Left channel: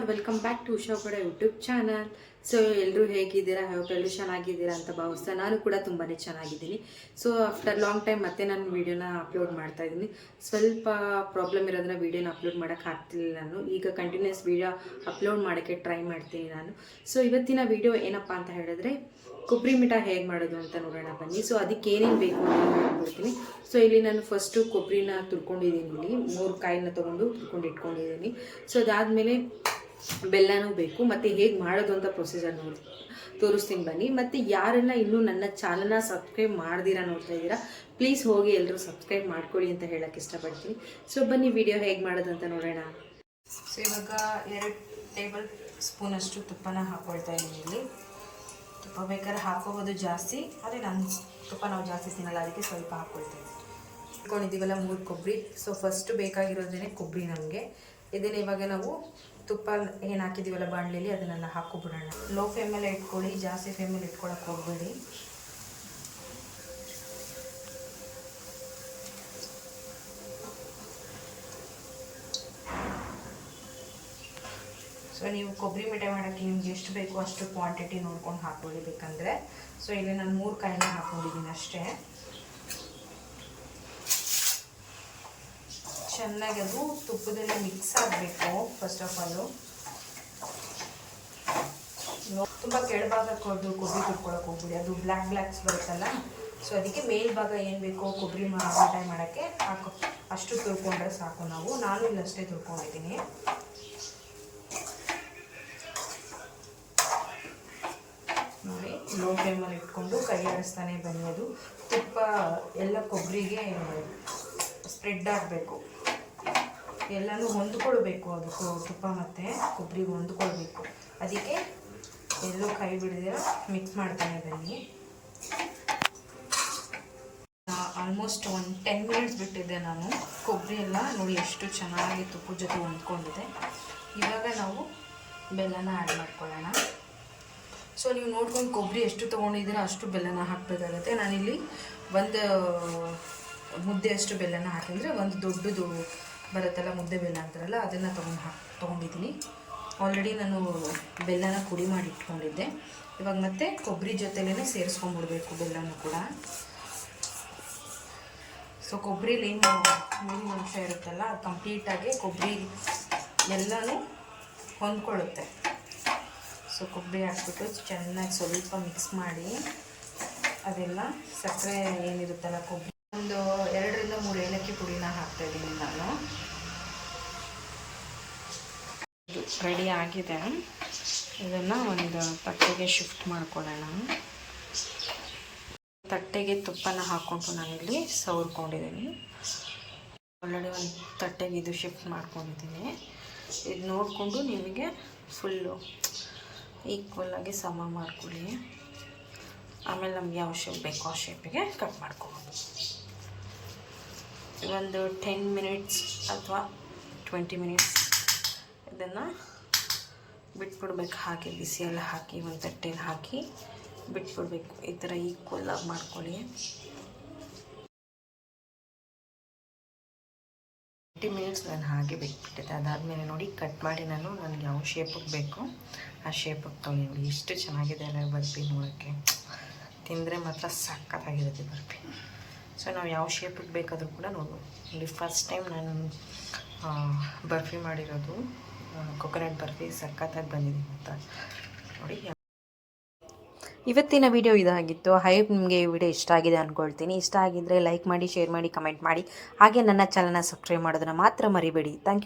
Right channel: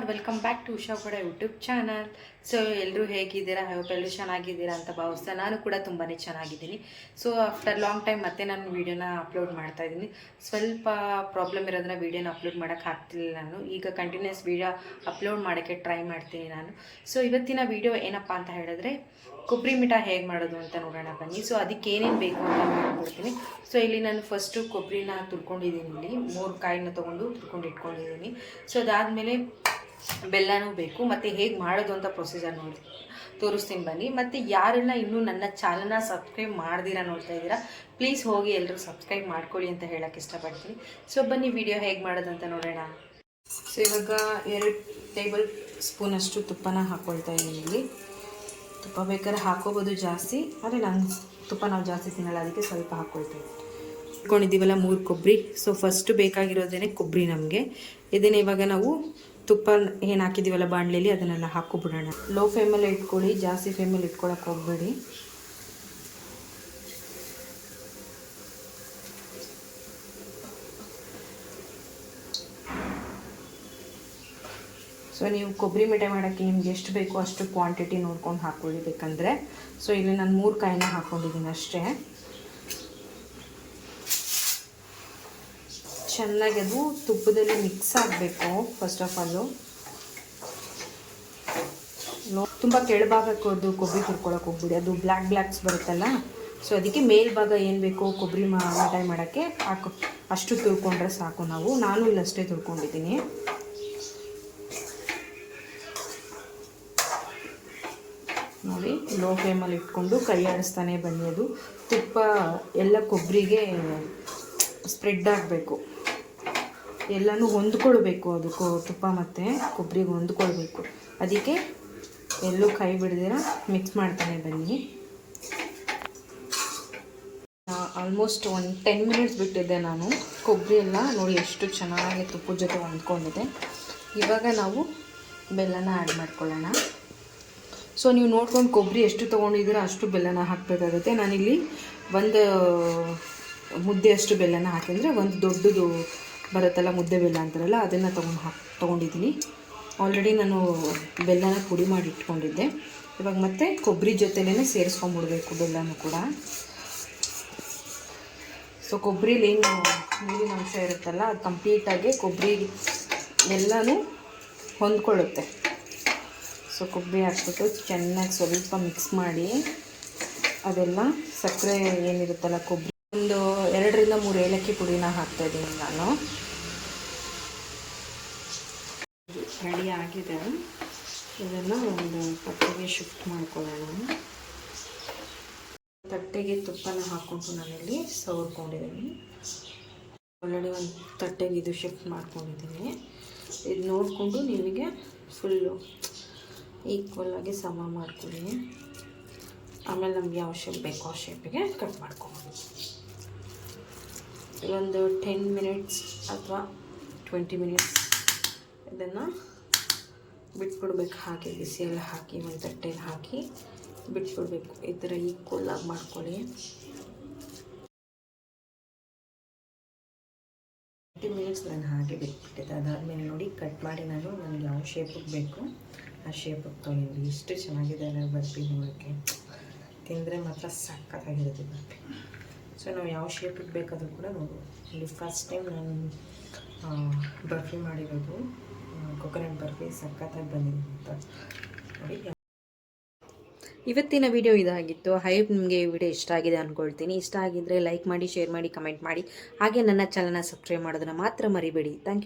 R welcome back to Usha ಕೂಡ YouTube channel. So ಎಲ್ಲರೂ ಹೇಗಿದ್ದೀರಾ? ಹೋಪ್ ಎಲ್ಲರೂ ಚೆನ್ನಾಗಿದ್ದೀರಾ ಅಂತ ಭಾವಿಸ್ತಾ ನಾನು ಕೂಡ ತುಂಬಾ ಚೆನ್ನಾಗಿದ್ದೀನಿ. ಸೊ ಆಫ್ಟರ್ ಲಾಂಗ್ ಟೈಮ್ ಮತ್ತೆ ನಾನು ವೀಡಿಯೋನ ಅಪ್ಲೋಡ್ ಮಾಡ್ತಾ ಇದ್ದೀನಿ. ಸ್ವಲ್ಪ ಪ್ರಾಬ್ಲಮ್ ಇರೋದನ್ನ ವೀಡಿಯೋನ ಅಪ್ಲೋಡ್ ಮಾಡೋಕ್ಕೆ ಆಗ್ತಿಲ್ಲ. ನಾನು ಈಗ ಕಂಟಿನ್ಯೂಸ್ ವೀಡಿಯೋ ಅಪ್ಲೋಡ್ ಮಾಡೋಕ್ಕೆ ಟ್ರೈ ಮಾಡ್ತೀನಿ ನಾನು. ಸೊ ಇವತ್ತಿನ ವೀಡಿಯೋ ಏನಪ್ಪ ಅಂತ ಹೇಳಿದ್ರೆ ಕೊಬ್ಬರಿ ಮಿಠಾಯಿ ಹೇಗೆ ಮಾಡೋದು ಅಂತ ನೋಡೋಣ ಬನ್ನಿ. ಸೊ ಅದಕ್ಕೆ ಏನೇನು ಬೇಕು ಅಂತ ಹೇಳ್ಕೊಡ್ತೀನಿ. ಸೊ ಇಲ್ಲಿ ನಾನು ಫಸ್ಟು ಕೊಬ್ಬರಿನ ತುರ್ಕೊಂಡಿದ್ದೀನಿ. ಇಲ್ಲಿ 3 ಕಾಯಿನ ತೊಗೊಂಡು ತುರ್ಕೊಂಡು ಇಟ್ಕೊಂಡಿದ್ದೀನಿ. ಸೊ ಅದಾದಮೇಲೆ ಬೆಲ್ಲನೂ ಬೇಕು. ಮತ್ತು ಹೇಗೆ ಮಾಡೋದು ಅಂತ ಪ್ರೊಸೀಜರ್ ತೋರಿಸ್ತೀನಿ ಬನ್ನಿ. ಮತ್ತು ಯಾರೆಲ್ಲ ಇನ್ನೂ ನನ್ನ ಚಾನಲ್ನ ಸಬ್ಸ್ಕ್ರೈಬ್ ಮಾಡ್ದಿರಾ ನೋಡ್ತಾ ಇದ್ದೀರಾ, ಪ್ಲೀಸ್ ಹೋಗಿ ಎಲ್ಲರೂ ಸಬ್ಸ್ಕ್ರೈಬ್ ಮಾಡ್ಕೊಳ್ಳಿ ಅಂತ ಹೇಳೋಕ್ಕೆ ಇಷ್ಟಪಡ್ತೀನಿ. ಸೊ ಬನ್ನಿ ವಿಡಿಯೋ ಹೇಗೆ ಮಾಡೋದು ಅಂತ ನೋಡೋಣ. ಸೊ ಇವಾಗ 2 ಟೇಬಲ್ ಸ್ಪೂನಷ್ಟು ತುಪ್ಪನ ಹಾಕ್ಕೊಳ್ತಾ ಇದ್ದೀನಿ. ಇಲ್ಲಿ ತುಪ್ಪ ಬೇಕಾದ್ರೆ ಹಾಕೋಬೋದು ಜಾಸ್ತಿ, ಆದರೆ ನಾನು ತುಪ್ಪ ನಾವು ಜಾಸ್ತಿ ತಿನ್ನಲ್ಲ, ಅದಕ್ಕೆ ಸ್ವಲ್ಪ ಹಾಕ್ಕೊಳ್ತೇವೆ. ಇಟ್ಕೊಂಡಿದ್ದೀವಲ್ಲ 3 ಕೊಬ್ಬರಿ. ಸೊ ಫಸ್ಟು ಬೇಕಾಗಿರೋದೇನೆ ಕೊಬ್ಬರಿ ನಮಗೆ. ಇದನ್ನು ಇವಾಗ ನಾವು ತುಪ್ಪ ಏನು ಹಾಕಿದ್ದೀವಲ್ಲ ಬಾಣಲೆಯಲ್ಲಿ ಅದನ್ನೆಲ್ಲ ಹಾಕ್ಕೊಬಿಡೋಣ. ಲೋ ಫ್ಲೇಮಲ್ಲೇ ಇಟ್ಕೊಳ್ಳಿ, ಜಾಸ್ತಿ ಫ್ಲೇಮಲ್ಲಿ ಇಟ್ಕೊಳಕ್ಕೆ ಹೋಗ್ಬೇಡಿ. ಸೊ ನೀವು ಕೊಬ್ಬರಿ ಮಿಠಾಯಿ ಮಾಡೋಕ್ಕೆ ನಿಮ್ಗೆ ಎಷ್ಟು ಬೇಕೋ ಅಷ್ಟು ಕ್ವಾಂಟಿಟಿ ನೋಡ್ಕೊಂಡು ಹಾಕ್ಕೊಳ್ಳಿ ಬೇಕಂದರೆ. ಸೊ ಇಲ್ಲಿ ನಾನು 3 ಕಾಯಿನ ಹಾಕ್ಕೊಂಡಿದ್ದೀನಿ ಅಷ್ಟೇ. ಚೆನ್ನಾಗಿ ಅದು ತುಪ್ಪದಲ್ಲಿ ಮಿಕ್ಸ್ ಆಗಬೇಕು. ಫಸ್ಟ್ ಆಫ್ ಆಲು ತುಂಬ ಕೆಳಭಾಗಕ್ಕೆ ಕೊಬ್ಬರಿ ತುರ್ಕೊಳಕ್ಕೆ ಹೋಗ್ಬಿಡಿ, ಅದು ಬ್ಲ್ಯಾಕ್ಸ್ ಬರುತ್ತಲ್ಲ. ಸೊ ಅದಕ್ಕೆ ಮೇಲ್ಭಾಗ ಏನು ಬೇಕೋ ಕೊಬ್ಬರಿ ಮಿಠಾಯಿ ಮಾಡೋಕ್ಕೆ ಅಷ್ಟು ತುರ್ಕೊಂಡ್ರೆ ಸಾಕು. ನಾನು ಇಲ್ಲಷ್ಟೇ ತುರ್ಕೊಂಡಿದ್ದೀನಿ. ನೋಡಿ, ಲೋ ಫ್ಲೇಮಲ್ಲಿ ಇಟ್ಕೊಂಡು ಕೈ ಆಡಿಸ್ತಾನೆ ಬನ್ನಿ. ಅದು ತುಪ್ಪ ಎಲ್ಲ ಕೊಬ್ಬರಿಗೆ ಸ್ಪ್ರೆಡ್ ಆಗಬೇಕು, ಎಲ್ಲನೂ ಹೊಂದ್ಕೊಳ್ಬೇಕು. ಅದು ತುಪ್ಪ ಮತ್ತು ಕೊಬ್ಬರಿಗೆ ಹೊಂದ್ಕೊಳ್ಬೇಕು. ಅದಕ್ಕೆ ಎಲ್ಲೂ ಕೈ ಬಿಡದಿರ ಮಿಕ್ಸ್ ಮಾಡ್ತಾನೆ ಬನ್ನಿ. ಆಲ್ಮೋಸ್ಟ್ 10 ಮಿನಿಟ್ಸ್ ಬಿಟ್ಟಿದ್ದೆ ನಾನು. ಕೊಬ್ಬರಿ ಎಲ್ಲ ನೋಡಿ ಎಷ್ಟು ಚೆನ್ನಾಗಿ ತುಪ್ಪದ ಜೊತೆ ಹೊಂದ್ಕೊಂಡಿದೆ. ಇವಾಗ ನಾವು ಬೆಲ್ಲನ ಆ್ಯಡ್ ಮಾಡ್ಕೊಳ್ಳೋಣ. ಸೊ ನೀವು ನೋಡ್ಕೊಂಡು ಕೊಬ್ಬರಿ ಎಷ್ಟು ತೊಗೊಂಡಿದ್ದೀರೋ ಅಷ್ಟು ಬೆಲ್ಲನ ಹಾಕಬೇಕಾಗುತ್ತೆ. ನಾನಿಲ್ಲಿ 1 ಮುದ್ದೆಯಷ್ಟು ಬೆಲ್ಲನ ಹಾಕಿದರೆ, ಒಂದು ದೊಡ್ಡದು ಬರುತ್ತಲ್ಲ ಮುದ್ದೆ ಬೆಲ್ಲ ಅಂತಾರಲ್ಲ, ಅದನ್ನು ತೊಗೊಂಡಿದ್ದೀನಿ. ಆಲ್ರೆಡಿ ನಾನು ಬೆಲ್ಲನ ಪುಡಿ ಮಾಡಿ ಇಟ್ಕೊಂಡಿದ್ದೆ. ಇವಾಗ ಮತ್ತೆ ಕೊಬ್ಬರಿ ಜೊತೆಲೇ ಸೇರಿಸ್ಕೊಂಡ್ಬಿಡ್ಬೇಕು ಬೆಲ್ಲನೂ ಕೂಡ. ಸೊ ಕೊಬ್ಬರಿಲಿ ಏನು ನೀರಿನ ಅಂಶ ಇರುತ್ತಲ್ಲ, ಅದು ಕಂಪ್ಲೀಟಾಗಿ ಕೊಬ್ಬರಿ ಎಲ್ಲನೂ ಹೊಂದ್ಕೊಳ್ಳುತ್ತೆ. ಸೊ ಕೊಬ್ಬರಿ ಹಾಕ್ಬಿಟ್ಟು ಚೆನ್ನಾಗಿ ಸ್ವಲ್ಪ ಮಿಕ್ಸ್ ಮಾಡಿ, ಅದೆಲ್ಲ ಸಕ್ಕರೆ ಏನಿರುತ್ತಲ್ಲ ಕೊಬ್ಬರಿ, ಒಂದು 2 ರಿಂದ 3 ಏಲಕ್ಕಿ ಪುಡಿನ ಹಾಕ್ತಾಯಿದ್ದೀನಿ ನಾನು. ಇದು ರೆಡಿ ಆಗಿದೆ. ಇದನ್ನು ಒಂದು ತಟ್ಟೆಗೆ ಶಿಫ್ಟ್ ಮಾಡ್ಕೊಳ್ಳೋಣ. ತಟ್ಟೆಗೆ ತುಪ್ಪನ ಹಾಕ್ಕೊಂಡು ನಾನಿಲ್ಲಿ ಸವರ್ಕೊಂಡಿದ್ದೀನಿ. ಆಲ್ರೆಡಿ ಒಂದು ತಟ್ಟೆಗೆ ಇದು ಶಿಫ್ಟ್ ಮಾಡ್ಕೊಂಡಿದ್ದೀನಿ. ಇದು ನೋಡಿಕೊಂಡು ನಿಮಗೆ ಫುಲ್ಲು ಈಕ್ವಲಾಗಿ ಸಮ ಮಾಡ್ಕೊಳ್ಳಿ. ಆಮೇಲೆ ನಮ್ಗೆ ಯಾವ ಶೇಪ್ ಬೇಕೋ ಆ ಶೇಪಿಗೆ ಕಟ್ ಮಾಡ್ಕೊಬೋದು. ಒಂದು 10 ಮಿನಿಟ್ಸ್ ಅಥವಾ 20 ಮಿನಿಟ್ಸ್ ಇದನ್ನು ಬಿಟ್ಬಿಡ್ಬೇಕು. ಹಾಗೆ ಬಿಸಿಯೆಲ್ಲ ಹಾಕಿ ಒಂದು ತಟ್ಟೆಯಲ್ಲಿ ಹಾಕಿ ಬಿಟ್ಬಿಡ್ಬೇಕು. ಈ ಥರ ಈಕ್ವಲಾಗಿ ಮಾಡ್ಕೊಳ್ಳಿ. 20 ಮಿನಿಟ್ಸ್ ನಾನು ಹಾಗೆ ಬಿಟ್ಬಿಟ್ಟಿದ್ದೆ. ಅದಾದಮೇಲೆ ನೋಡಿ ಕಟ್ ಮಾಡಿ ನನಗೆ ಯಾವ ಶೇಪಿಗೆ ಬೇಕು ಆ ಶೇಪಿಗೆ ತೊಗೊಂಡು ನೋಡಿ ಎಷ್ಟು ಚೆನ್ನಾಗಿದೆ ಅಲ್ಲ ಬರ್ಫಿ. ನೋಡೋಕ್ಕೆ ತಿಂದರೆ ಮಾತ್ರ ಸಕ್ಕತ್ತಾಗಿರುತ್ತೆ ಬರ್ಫಿ. ಸೊ ನಾವು ಯಾವ ಶೇಪಿಗೆ ಬೇಕಾದರೂ ಕೂಡ ನೋಡ್ಬೋದು. ಇಲ್ಲಿ ಫಸ್ಟ್ ಟೈಮ್ ನಾನು ಬರ್ಫಿ ಮಾಡಿರೋದು, ಕೊಕೊನಟ್ ಬರ್ಫಿ ಸಕ್ಕತ್ತಾಗಿ ಬಂದಿದೆ ಮಾತ್ರ ನೋಡಿ. ಇವತ್ತಿನ ವಿಡಿಯೋ ಇದಾಗಿತ್ತು. ಐ ಹೋಪ್ ನಿಮಗೆ ಈ ವಿಡಿಯೋ ಇಷ್ಟ ಆಗಿದೆ ಅಂದ್ಕೊಳ್ತೀನಿ. ಇಷ್ಟ ಆಗಿದ್ದರೆ ಲೈಕ್ ಮಾಡಿ, ಶೇರ್ ಮಾಡಿ, ಕಮೆಂಟ್ ಮಾಡಿ. ಹಾಗೆ ನನ್ನ ಚಾನಲ್ನ ಸಬ್ಸ್ಕ್ರೈಬ್ ಮಾಡೋದನ್ನು ಮಾತ್ರ ಮರಿಬೇಡಿ. Thank you.